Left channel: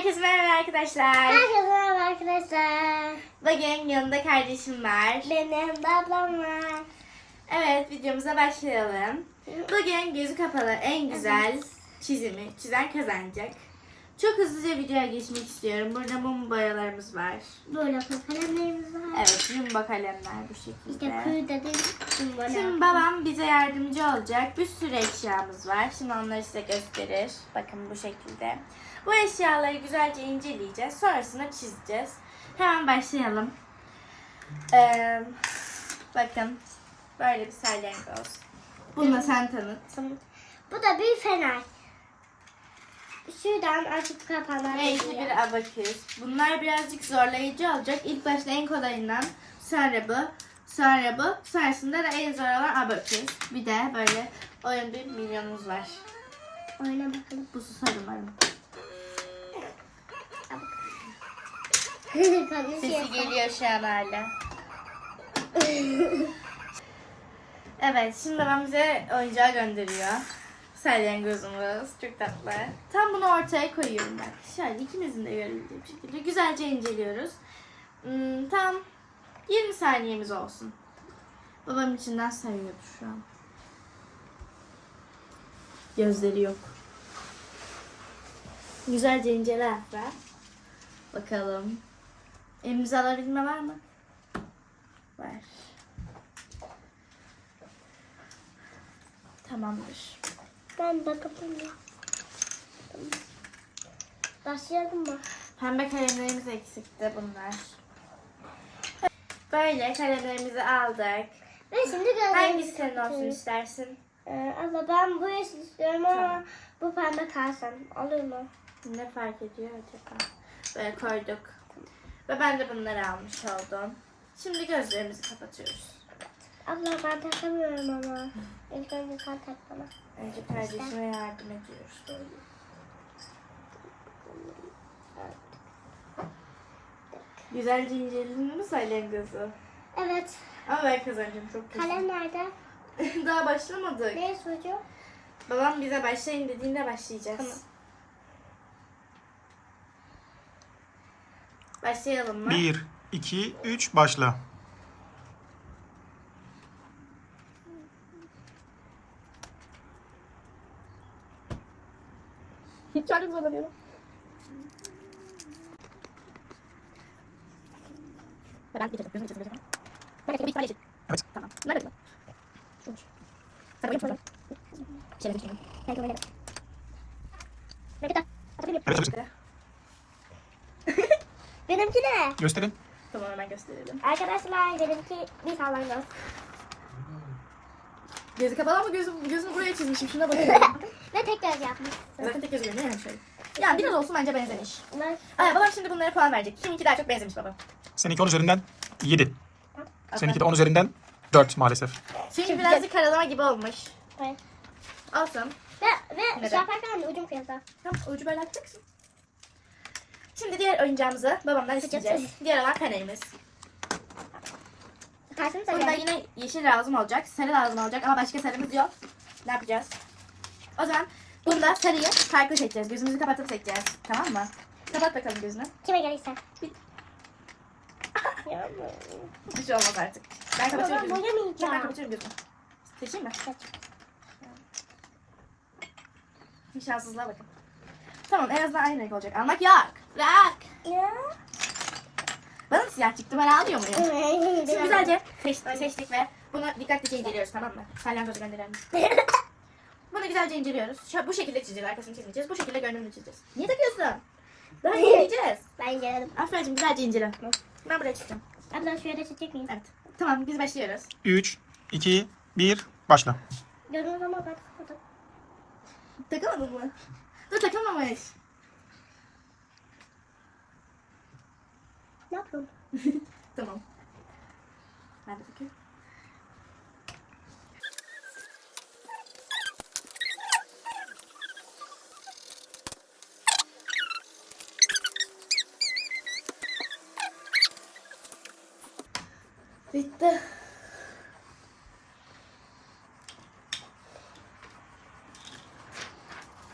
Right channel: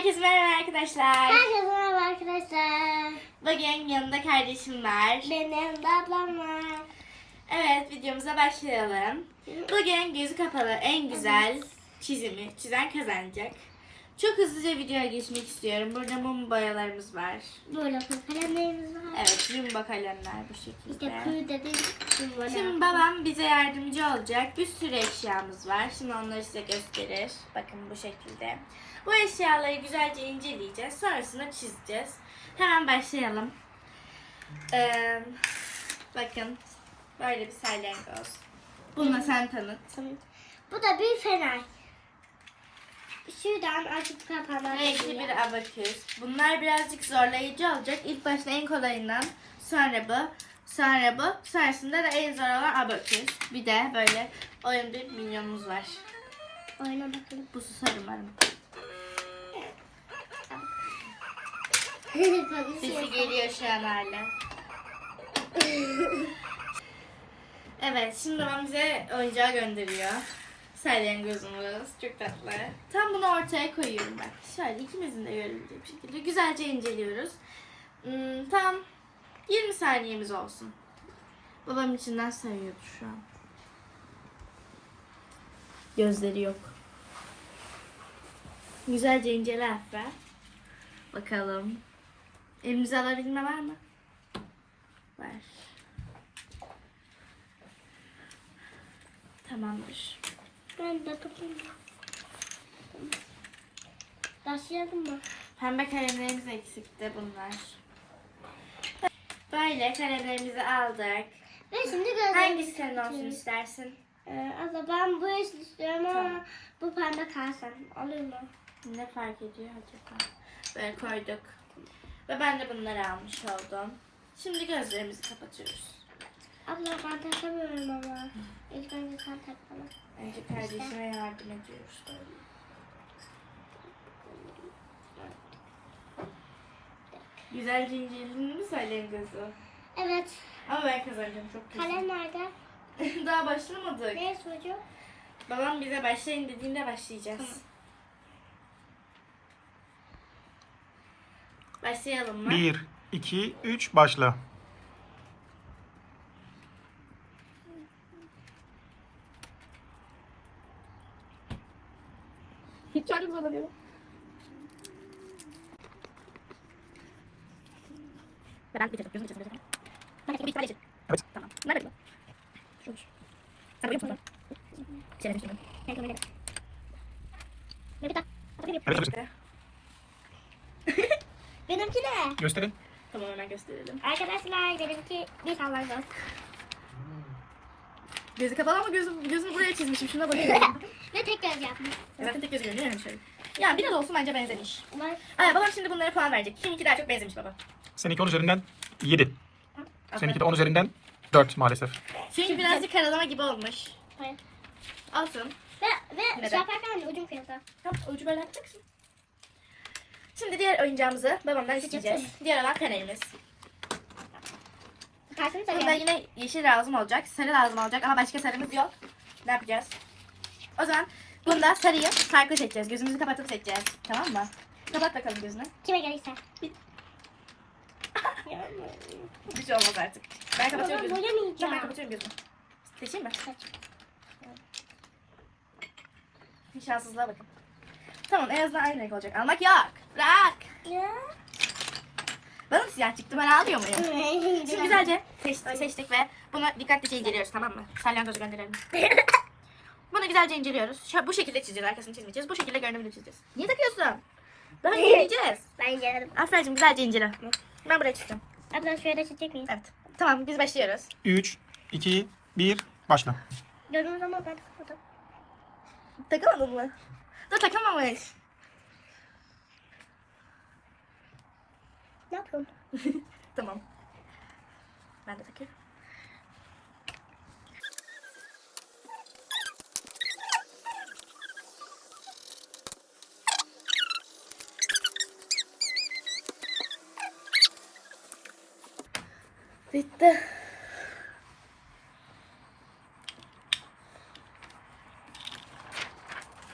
Herkese merhaba arkadaşlar. Herkese merhaba arkadaşlar. Bugün yanımda kardeşim var. Benim yanımda ablam var. Evet, videomuza başlayalım. Bugün gözü kapalı en güzel çizimi çizen kazanacak. Çok hızlıca videoya geçmek istiyorum. Burada mum boyalarımız var. Böyle kalemlerimiz var. Evet, yumba kalemler bu şekilde. İşte pür dedim. Şimdi babam bize yardımcı olacak. Bir sürü eşyamız var. Şimdi onları size gösterir. Bakın bu şekilde. Bu eşyaları güzelce inceleyeceğiz. Sonrasında çizeceğiz. Hemen başlayalım. Bakın. Böyle bir salyangoz. Bunu sen tanıt. Bu da bir fener. Şuradan açıp kapanan. Renkli bir abaküs. Bunlar birazcık zorlayıcı olacak. İlk başta en kolayından, sonra bu, sonra bu, sonrasında da en zor olan abaküs. Bir de böyle oyun bir milyonumuz var. Oyuna bakalım. Bu susar umarım. Sesi geliyor şu an hala. Evet, şimdi babam bize oyuncağı gönderiyor. Salyangozumuz. Çok tatlı. Tam bunu ortaya koyuyorum ben. Şöyle ikimizin de görebildiği bir şekilde. Güzelce inceliyoruz. Tam 20 saniyemiz olsun. Babam içinden sayıyordu şu an. Gözleri yok. Güzelce incele Afra. Bakalım. Elimize alabilme var mı? Var. Tamamdır. Ben de kapatayım. Başlayalım mı? Pembe kalemlerimiz eksikti bunlar. Böyle kalemlerimizi aldık. Ve şimdi gözlerimizi Hangisi senin olsun kapatıyoruz. istersin? Abla ben bu yeşil istiyorum ama Tamam. bu pembe kalsın. Olur mu? Ne fark ediyor acaba? Böyle koyduk. Ve ben de bunları almış oldum. Şimdi gözlerimizi kapatıyoruz. Abla ben takamıyorum ama. İlk önce sen tak bana. Önce kardeşime yardım ediyoruz böyle. Güzelce inceledin mi salyangozu? Evet. Ama ben kazanacağım çok güzel. Kalem nerede? Daha başlamadık. Ne çocuğu? Babam bize başlayın dediğinde başlayacağız. Tamam. Başlayalım mı? 1, 2, 3 başla. Çok zorlanıyor. Ben geçelim. Gözünü geçelim. Ben de bir tane geçelim. Evet. Tamam. Nerede bu? Şurmuş. Sen boyun musun? Şöyle geçelim. Ben kamerayla. Evet, evet. Benimki ne? Gösterin. Tamam hemen gösterelim. Arkadaşlar benimki bir sallangoz. Gözü kapalı ama gözünü buraya çizmişim. Şuna bakıyorum. Ve tek göz yapmış. Zaten tek gözü görünüyor yani şöyle. Ya biraz olsun bence benzemiş. Bunlar Ay babam şimdi bunlara puan verecek. Kiminki daha çok benzemiş baba. Seninki 10 üzerinden 7. Seninki de 10 üzerinden 4 maalesef. Çünkü birazcık karalama gibi olmuş. Hayır. Alsın. Ve Neden? şey yaparken ucum kıyıldı. Tamam ucu böyle atacaksın. Şimdi diğer oyuncağımızı babamdan isteyeceğiz. Diğer olan kalemimiz. Kaysını Bunda sayıyorum. yine yeşil lazım olacak, sarı lazım olacak ama başka sarımız yok. Ne yapacağız? O zaman bunda sarıyı farklı seçeceğiz. Gözümüzü kapatıp seçeceğiz. Tamam mı? Kapat bakalım gözünü. Kime gelirse. Bir şey olmaz artık. Ben Ama kapatıyorum ben gözümü. boyamayacağım. Ben kapatıyorum gözümü. Seçeyim mi? Seç. Bir şanssızlığa bakın. Tamam en azından aynı renk olacak. Almak yok. Bırak. Ya. Bana mı siyah çıktı? Ben ağlıyor muyum? Şimdi güzelce seçtik ve bunu dikkatlice inceliyoruz, tamam mı? Salyangozu gönderelim. Bunu güzelce inceliyoruz. Bu şekilde çizeceğiz, arkasını çizmeyeceğiz. Bu şekilde görünümünü çizeceğiz. Niye takıyorsun? Daha inceleyeceğiz. Ben inceledim. Afra'cığım güzelce incele. Ben buraya çizeceğim. Abla şöyle çizecek miyim? Evet. Tamam biz başlıyoruz. 3, 2, 1 başla. Gördüğünüz ama ben kapadım. Takamadın mı? Dur takamamış. Ne yapıyorum? Tamam. Ben de takıyorum. Bitti.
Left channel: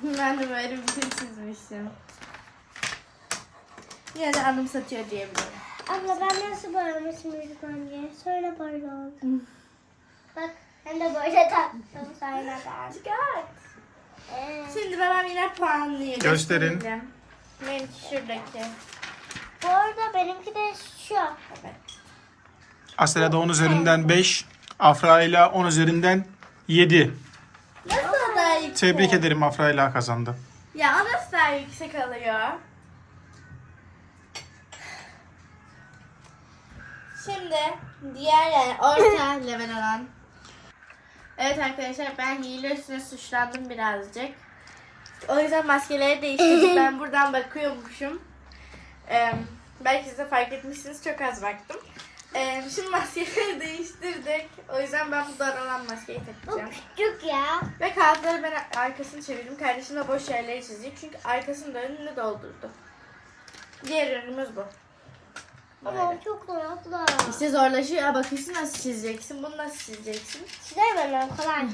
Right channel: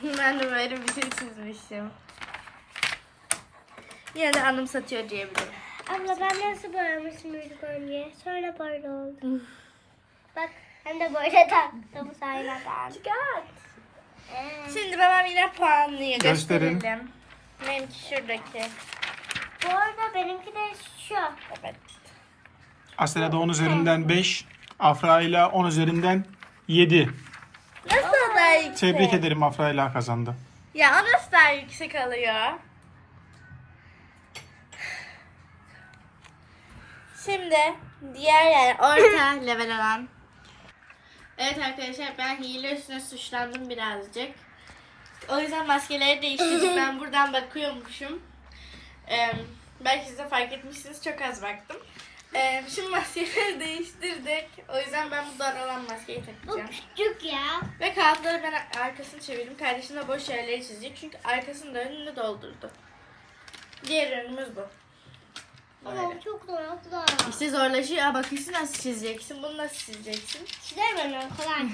Ben de böyle bir şey çizmişim. yine de anımsatıyor diyebilirim. Abla ben nasıl boyamışım ilk önce? Sonra böyle oldu. Bak hem de böyle taktım sonradan. Şimdi babam yine puanlıyor. Gösterin. Gösterelim. Benimki şuradaki. Bu arada benimki de şu. Evet. Asela'da 10 üzerinden 5. Afra'yla 10 üzerinden 7. Nasıl daha yüksek? Tebrik ederim, Afra'yla kazandı. Ya o nasıl daha yüksek alıyor? Şimdi diğer yani orta level olan. Evet arkadaşlar, ben hile üstüne suçlandım birazcık. O yüzden maskeleri değiştirdik. Ben buradan bakıyormuşum. Belki siz de fark etmişsiniz, çok az baktım. Şimdi maskeleri değiştirdik. O yüzden ben bu dar olan maskeyi Bu takacağım. küçük ya. Ve kağıtları ben arkasını çevirdim. Kardeşim de boş yerleri çizecek. Çünkü arkasını da önünü doldurdu. Diğer ürünümüz bu. Ama Böyle. o çok zor abla. İşte zorlaşıyor. Bakıyorsun nasıl çizeceksin. Bunu nasıl çizeceksin? Çizer ben o kolay.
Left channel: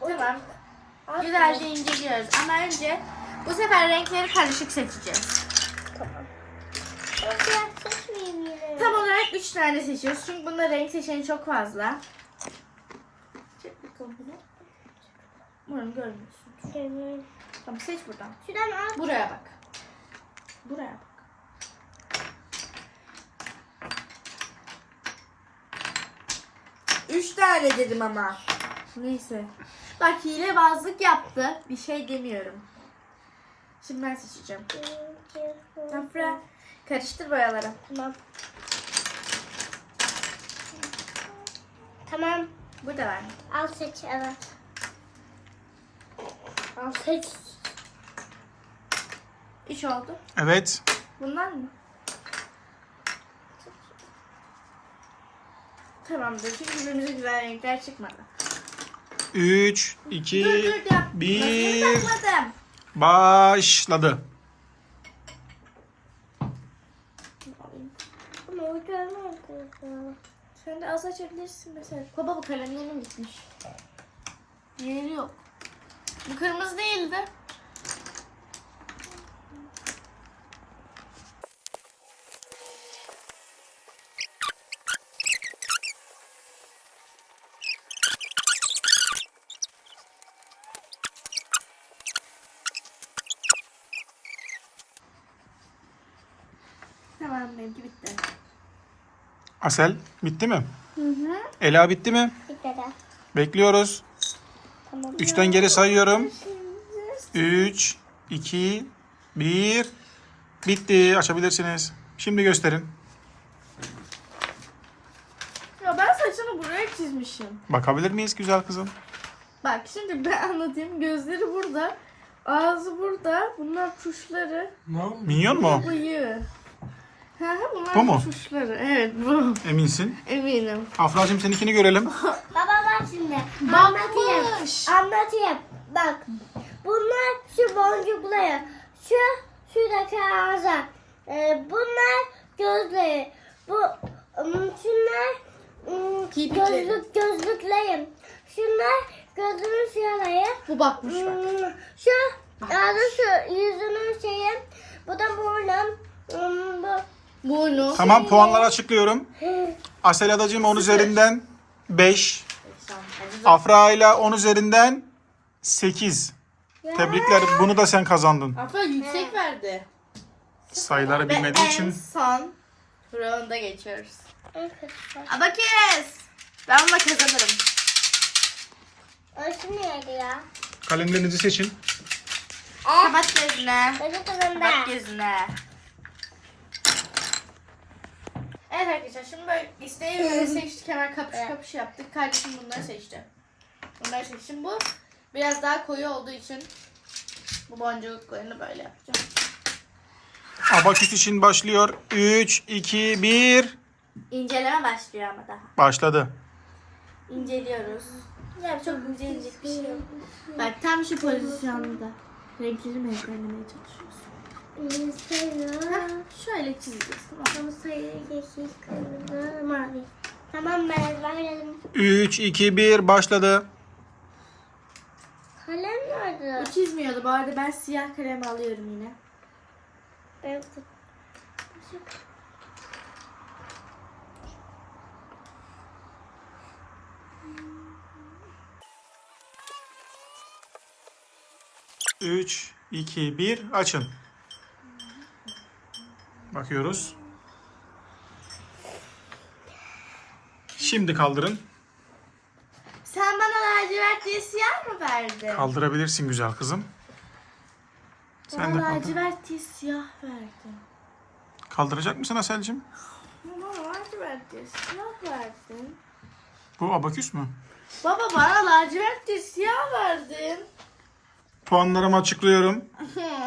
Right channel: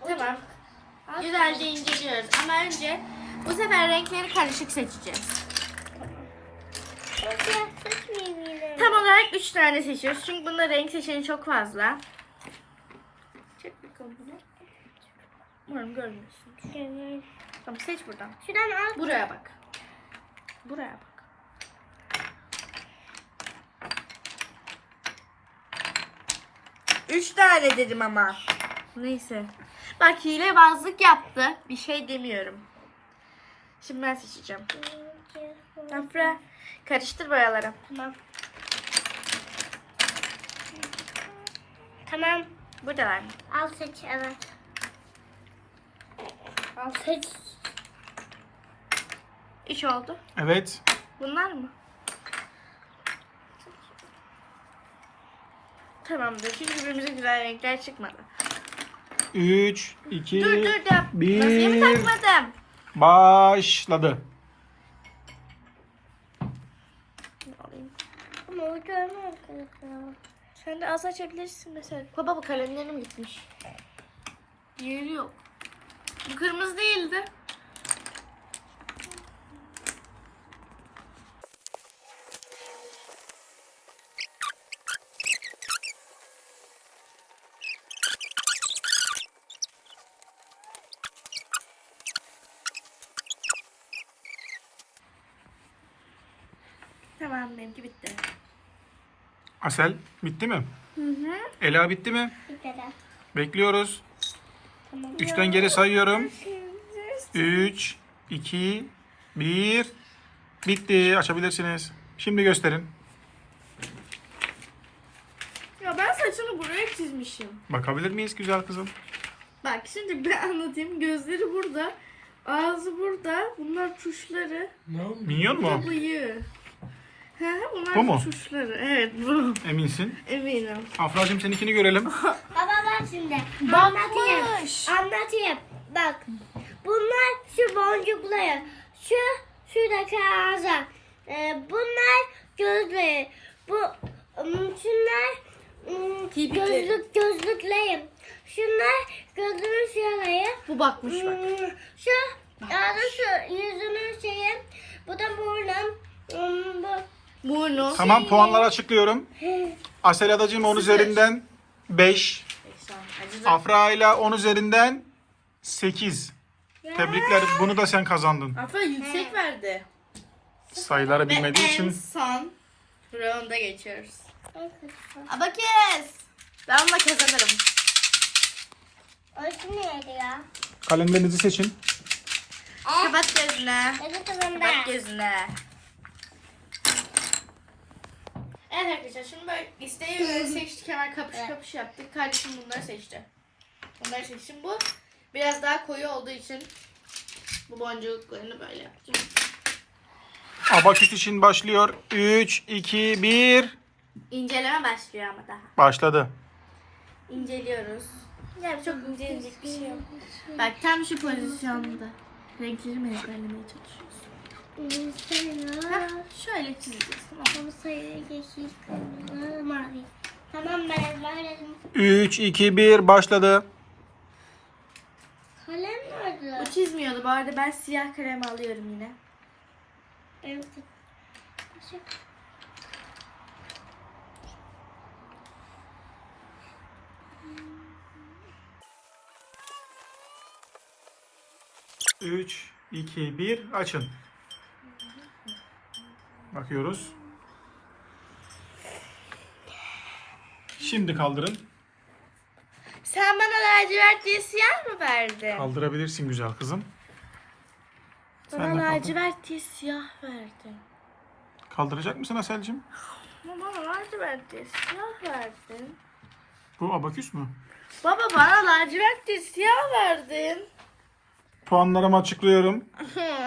Tamam. Güzelce inceliyoruz. Ama önce bu sefer renkleri karışık seçeceğiz. Tamam. O siyah seçmeyeyim yine. Tam olarak 3 tane seçiyoruz. Çünkü bunda renk seçeneği çok fazla. Çek bakalım bunu. Umarım görmüyorsun. Evet. Tamam, seç buradan. Şuradan al. Buraya bak. Buraya bak. Üç tane dedim ama. Neyse. Bak, hilebazlık yaptı. Bir şey demiyorum. Şimdi ben seçeceğim. Afra, karıştır boyaları. Tamam. Tamam. Buradalar mı? Al seç evet. Al seç. 3 oldu. Evet. Bunlar mı? Tamamdır. Çünkü birbirimize güzel renkler çıkmadı. 3, 2, Dur yap. Maskeyi 1. takmadım. Başladı. Alayım. Ama o görmem kızım. Sen de az açabilirsin mesela. Baba, bu kalemlerim gitmiş. Yeri yok. Bu kırmızı değildi. Tamam, benimki bitti. Asel bitti mi? Hı hı. Ela bitti mi? Bitmedi. Bekliyoruz. Tamam. 3'ten geri sayıyorum. 3, 2, 1. Bitti. Açabilirsiniz. Şimdi gösterin. Ya ben saçını buraya çizmişim. Bakabilir miyiz güzel kızım? Bak şimdi ben anlatayım. Gözleri burada. Ağzı burada. Bunlar tuşları. Minyon mu? Bu bıyığı. Hı hı, bunlar Bu mu? tuşları. Evet, bu. Eminsin. Eminim. Afra'cığım seninkini görelim. Baba bak şimdi. Anlatayım. Bakmış. Anlatayım. Bak. Bunlar şu boncukları. Şuradaki ağza. Bunlar gözleri. Şunlar Kirpikleri. gözlüklerim. Şunlar gözümün şuraları. Bu bakmış bak. Şu şu yüzümün şeyi. Bu da burnum. Bu. Burnu. Tamam, puanları açıklıyorum. Asel Adacığım 10 üzerinden 5. Afra ile 10 üzerinden 8. Tebrikler. Bunu da sen kazandın. Afra yüksek verdi. Sayıları Ve bilmediği en için. son rounda geçiyoruz. Abakes. Ben bununla kazanırım. Orası neydi ya? Kalemlerinizi seçin. Kapat gözüne. Benim kızımda. Kapat gözüne. Evet arkadaşlar, şimdi böyle isteği böyle seçtik, hemen kapış kapış yaptık. Kardeşim bunları seçti. Bunları seçtim. Bu biraz daha koyu olduğu için bu boncuklarını böyle yapacağım. Abaküs için başlıyor. 3, 2, 1. İnceleme başlıyor ama daha. Başladı. İnceliyoruz. Ya çok incelecek bir şey yok. Bak tam şu pozisyonda. Renkleri mi ezberlemeye çalışıyorsun? Sayı. Şöyle çizeceksin. Tamam sayı yeşil, kırmızı, mavi. Tamam ben ezberledim. 3, 2, 1. Başladı. Kalem nerede? O çizmiyordu. Bu arada ben siyah kalem alıyorum yine. Ben tut. Başak. Üç, iki, bir, açın. Bakıyoruz. Şimdi kaldırın. Sen bana lacivert diye siyah mı verdin? Kaldırabilirsin güzel kızım. Sen de Bana kaldır. lacivert diye siyah verdin. Kaldıracak mısın Aselcim? Ama bana lacivert diye siyah verdin. Bu abaküs mü? Baba bana lacivert diye siyah verdin. Puanlarımı açıklıyorum.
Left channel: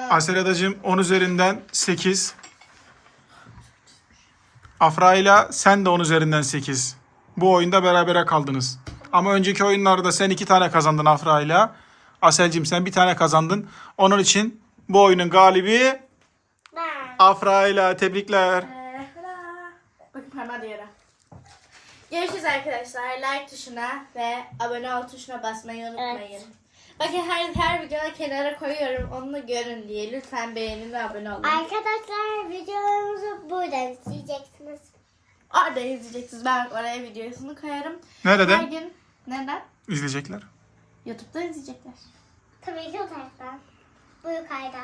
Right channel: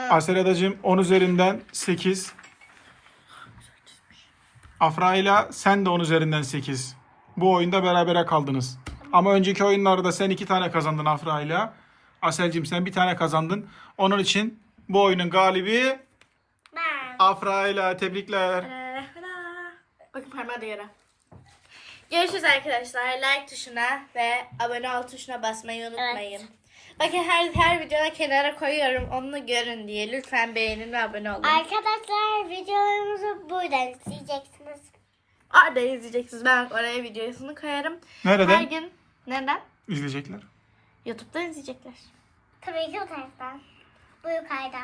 Asel Adacığım 10 üzerinden 8. Afra ile sen de 10 üzerinden 8. Bu oyunda berabere kaldınız. Ama önceki oyunlarda sen 2 tane kazandın Afra ile. Aselcim sen 1 tane kazandın. Onun için bu oyunun galibi Ben. Afra ile. Tebrikler. Bakın parmağı da yara. Görüşürüz arkadaşlar. Like tuşuna ve abone ol tuşuna basmayı unutmayın. Bakın her videoda kenara koyuyorum. Onu görün diye. Lütfen beğenin ve abone olun. Arkadaşlar videolarımızı buradan izleyeceksiniz. Orada izleyeceksiniz. Ben oraya videosunu koyarım. Nereden Her gün neden? izleyecekler? YouTube'da izleyecekler. Tabii ki o taraftan. Bu yukarıda.